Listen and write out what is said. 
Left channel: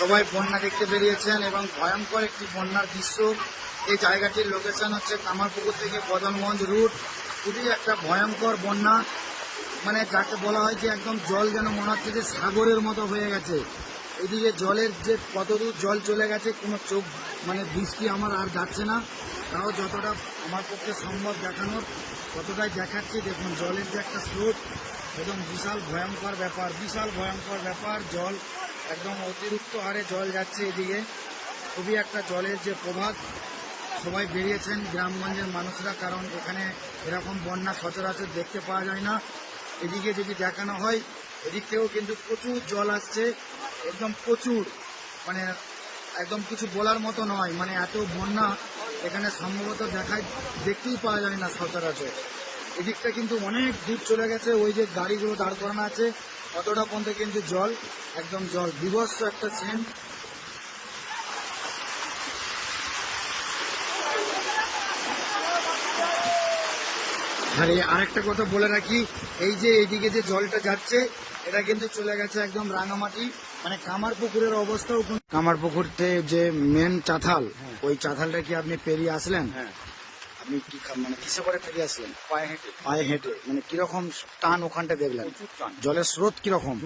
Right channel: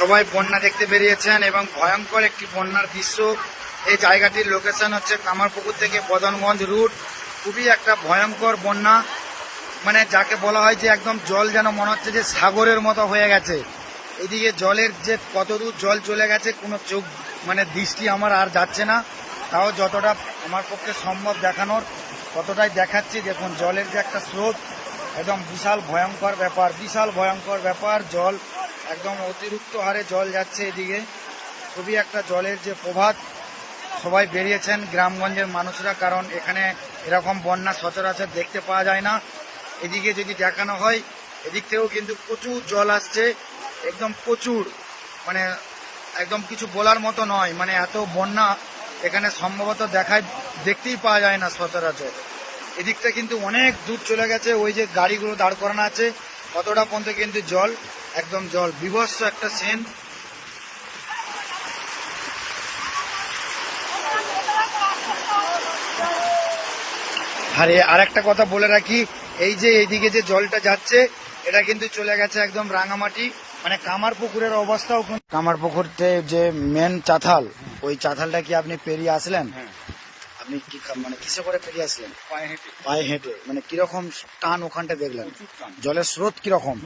সবাই বন্যা দেখতে বেরিয়েছেন এবং ভয়ঙ্কর একটি বন্যার দৃশ্য। এই জায়গাটির লোকেশন হচ্ছে কামারপুকুর থেকে বদনগঞ্জ রুট। খুবই একটা ভয়ঙ্কর বন্যা, মানে যাকে বলা হয় যে একদম জল যেন মনে হচ্ছে যে সাগরের মতো হয়ে গেছে। এদিকে জলের যে কতদূর জল চলে গেছে কোনো চোখ মানে দৃষ্টি আমার আর যাচ্ছে না, তাও যতটা আমার পক্ষে সম্ভব দেখানোর ততটাই দেখাচ্ছি। দেখুন জলের যে একটা স্রোত, একদম বিশাল ভয়ঙ্কর ব্যাপার, বিশাল ভয়ঙ্কর ব্যাপার। জল একদম অতিরিক্ত হারে জল যাচ্ছে এদিকে। খুবই একটা জলের যে প্রভাব, সবাই বেরিয়েছেন গ্রামগঞ্জের মানুষরা, কারণ এখানে এরকম বন্যা সচরাচর দেখতে পাওয়া যায় না। এদিকে যদি দেখানো হয়, এদিক থেকেও কিন্তু প্রচুর জল আসছে, একদম প্রচুর, মানে একদম কিছু বলার মতো নয়। মানে এত বন্যা এখানে সম্ভবত দেখতেই পাওয়া যায় না সচরাচর। এদিকটা কিন্তু অনেক দূর চলে গেছে, ওই যে গাড়িগুলো দাঁড় করানো আছে কতটা পর্যন্ত কিন্তু জল, একদম জল, বিভৎস একটা সিন। আর একটা কথা বলে রাখি, এই যে এইদিকে যে জলটা যাচ্ছে এটা কিন্তু চলে গেছে একদম রাঙামাটি, মানে কামারপুকুরের অবস্থাও। কামারপুকুরতে যে মেন চাতাল, ওই চাতালটা কি আপনি পেরিয়ে আসলেন? আপনি কি মানে কিসে করে পেরিয়ে আসলেন? পায়ে হেঁটে। পায়ে হেঁটে। মানে কিরকম টান ওখানটা দেখলেন? জলের স্রোত কিরকম?